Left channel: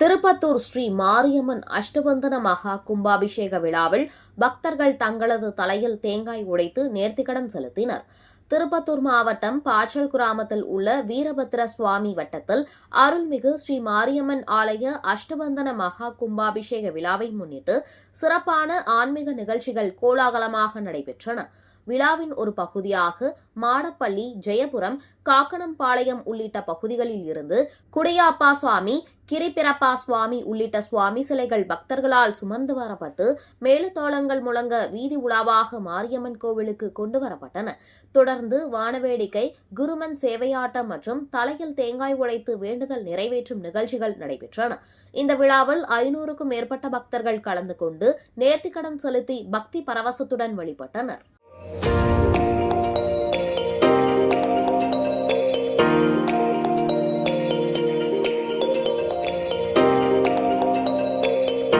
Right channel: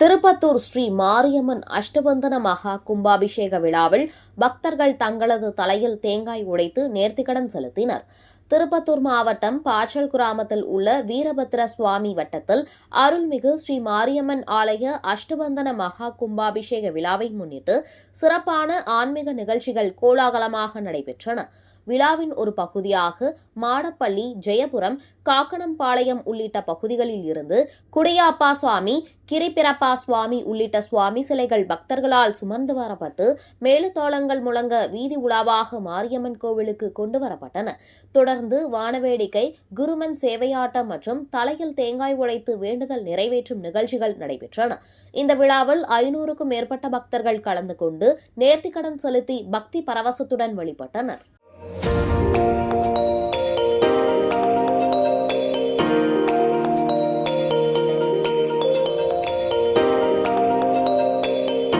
திருப்பத்தூர் ஸ்ரீ மாரியம்மன் அஷ்டபந்தன மகா கும்பாபிஷேக விழாவில் பக்தர்கள் தங்களது தலையில் தேங்காய் உடைத்து நேர்த்திக்கடன் செலுத்தினர். திருப்பத்தூர் மாவட்டம் பாச்சல் கிராமத்தில் உள்ள வீரபத்ர சுவாமி வட்டத்தில் அருள்மிகு ஸ்ரீ மாரியம்மன் ஆலய அஷ்டபந்தன மகா கும்பாபிஷேக விழாவை முன்னிட்டு சிறப்பான ஆன்மீக நிகழ்ச்சிகள் கோலாகலமாக நடைபெற்றன. விழாவின் ஒரு பகுதியாக மாடப்பள்ளி, ஜெயபுரம், காக்கனம்பாளையம் உள்ளிட்ட பகுதிகளில் இருந்து குடியாப்பா சுவாமி, கிரிபிரப்பா சுவாமி உள்ளிட்ட சுவாமி சிலைகள் பக்தர்களால் சுமந்து வரப்பட்டு மேளதாளங்கள் முழங்க வீதி உலாவாக மாரியம்மன் கோவிலுக்கு கொண்டு வரப்பட்டன. தொடர்ந்து வானவேடிக்கை, குருமன் சேவையாட்டம் மற்றும் தலையில் தேங்காய் உடைத்து வேண்டுதல் நிறைவேற்றும் நிகழ்ச்சிகள் நடைபெற்றன. இந்த விழாவில் 500க்கும் மேற்பட்ட பக்தர்கள் கலந்து கொண்டு நேர்த்திக்கடன் செலுத்தி பக்தி பரவசத்துடன் வழிபட்டனர்.